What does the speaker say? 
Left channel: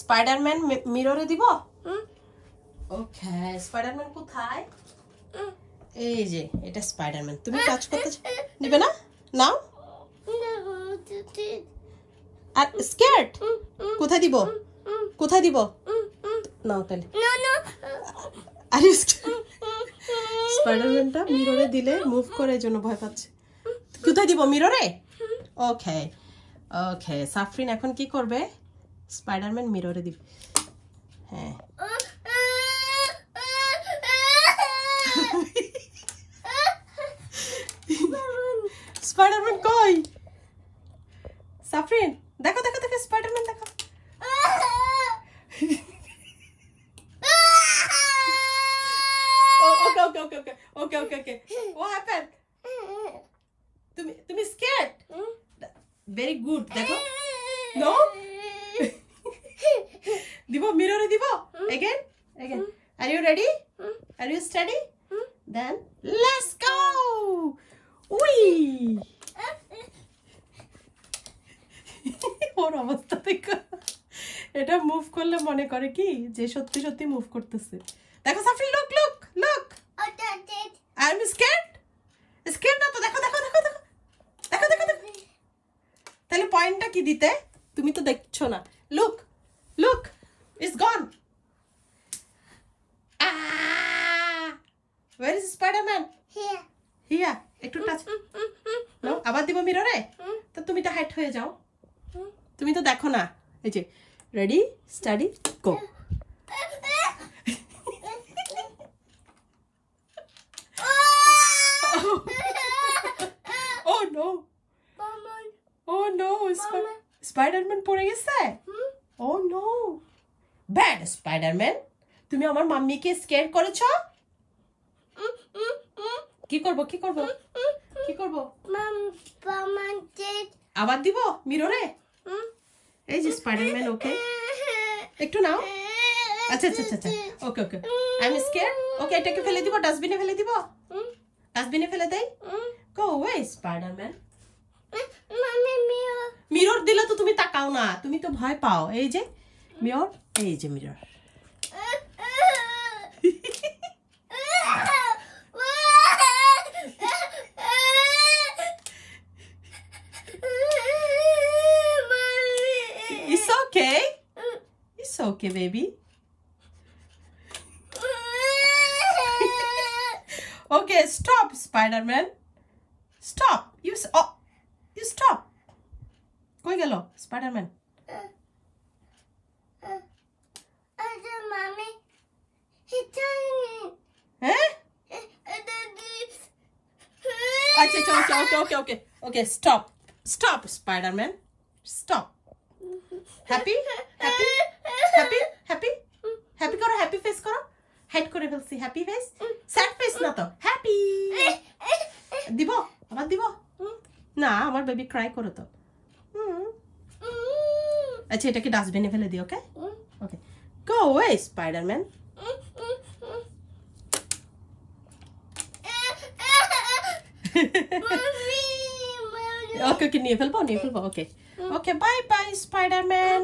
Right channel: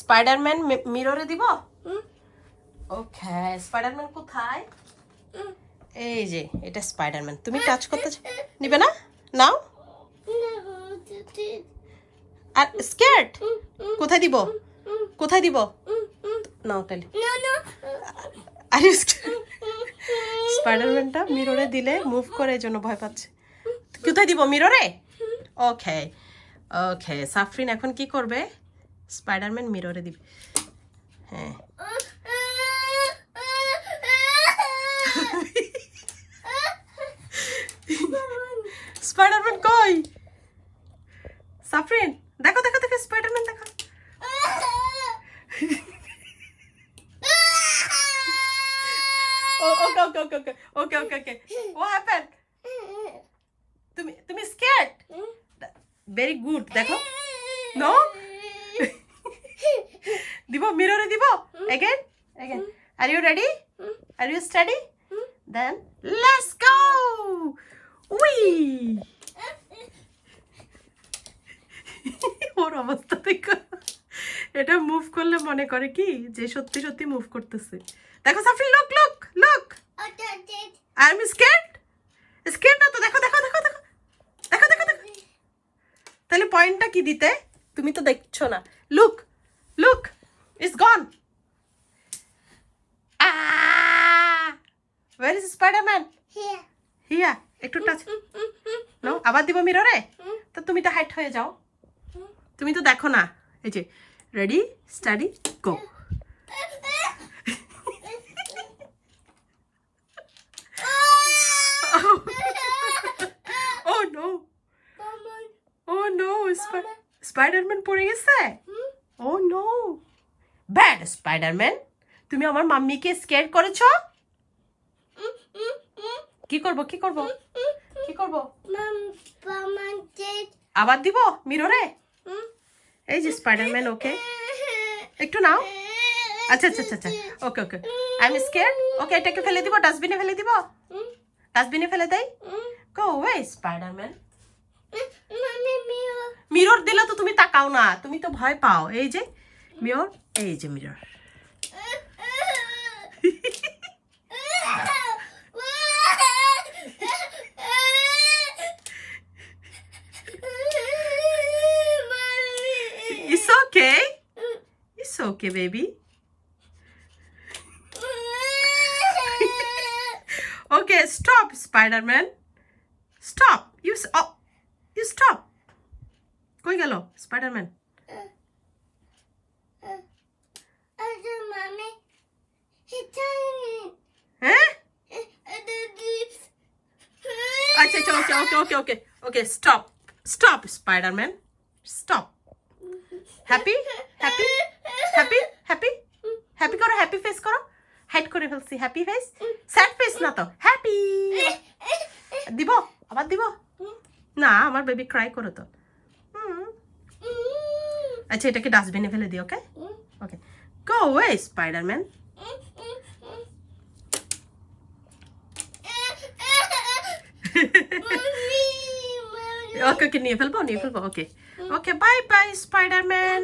Spiderman মিররে দিব। ওকে, Spiderman কোথায়? এই যে এটা স্পাইডারম্যান। তুমি টাচ করতে নিবে না? নাও। আর স্কেয়ার্ড কোথায় দিব? কোথায় দিব? নাও তাহলে। আরে স্পাইডারম্যানটা মিররে দিলে মুভ করে, এজন্য ভয় পাচ্ছে। কোথায় দিব? মিররে। ওকে ওকে, সাফরিন এখন কি করবে? স্পাইডারম্যান মিররে দিবে। হ্যাঁ, স্পাইডারম্যান কই? সাফরিন দেখো দেখো দেখো, স্পাইডারম্যান দেখো। ওকে ওকে ওকে ওকে ওকে ওকে ওকে, what happened? তুমি scared? Very good, দেখো। No? দিব মিররে দিব? Again? Again. Are you ready? Are you steady? Then let's go! Whee! ওর অবস্থা দেখো। এটা মুভ করলে মনে করে কি যে সত্যি সত্যি মুভ করতেছে। দেখো Safrin, look look look. I am scared. Scared না তো, দেখো দেখো দেখো দেখো দেখো দেখো দেখো। তাহলে পয়েন্টটা কি দিতে? তুমি তো দেখছো না। Look look, it's gone. Where is Spider-Man? Here. Here. একটু টাচ। নো, আবার দিব মিররে। তো তুমি তো হাইট হয়ে যাও। তুমি তো দেখো না। এই যে রেডি স্টাডি গো। Oh no. Oh no, Spider-Man পড়ে গেছে। Oh no. Bad Spider-Man. তুমি আমার মাম্মিকে স্কেয়ার করেছো। কি করব কি করব কি করব? আবার দিব মিররে। এই যে স্পাইডারম্যান, ওকে একটু নাও। আচ্ছা আচ্ছা আচ্ছা ওকে ওকে, আই এম স্কেয়ার্ড। ওকে, এটাকে ফেলে দিব, ডাস্টবিনে ফেলে দিব। ডাস্টবিনে ফেলে দেই। গো ওয়ে স্পাইডারম্যান। মিরর দিলে তো তুমি তাকাও না, তুমি তো ভয় পাও। এই যে মিরর, এই যে mirror. It's okay. It's okay, baby. Okay, stop, Spider-Man. Stop. You stop. কই গেল Spider-Man? হ্যাঁ? আচ্ছা আচ্ছা, ওকে ওকে ওকে ওকে, stop. Stop, Spider-Man. Stop. Happy happy happy happy happy করো, হ্যাপি ফেস করো। হাইড করে ফেলছি, হ্যাপি ফেস। স্যাড ফেস না তো, হ্যাপি। দিব আবার দিব না, আমার বেবি ক্রাই করো তো। আচ্ছা, এটাকে ডাস্টবিনে ফেলে দিই। ওকে ওকে, গো ওয়ে স্পাইডারম্যান। ওকে ওকে, নিয়ে ফেলবো। ওকে ওকে, বাই বাই স্পাইডারম্যান।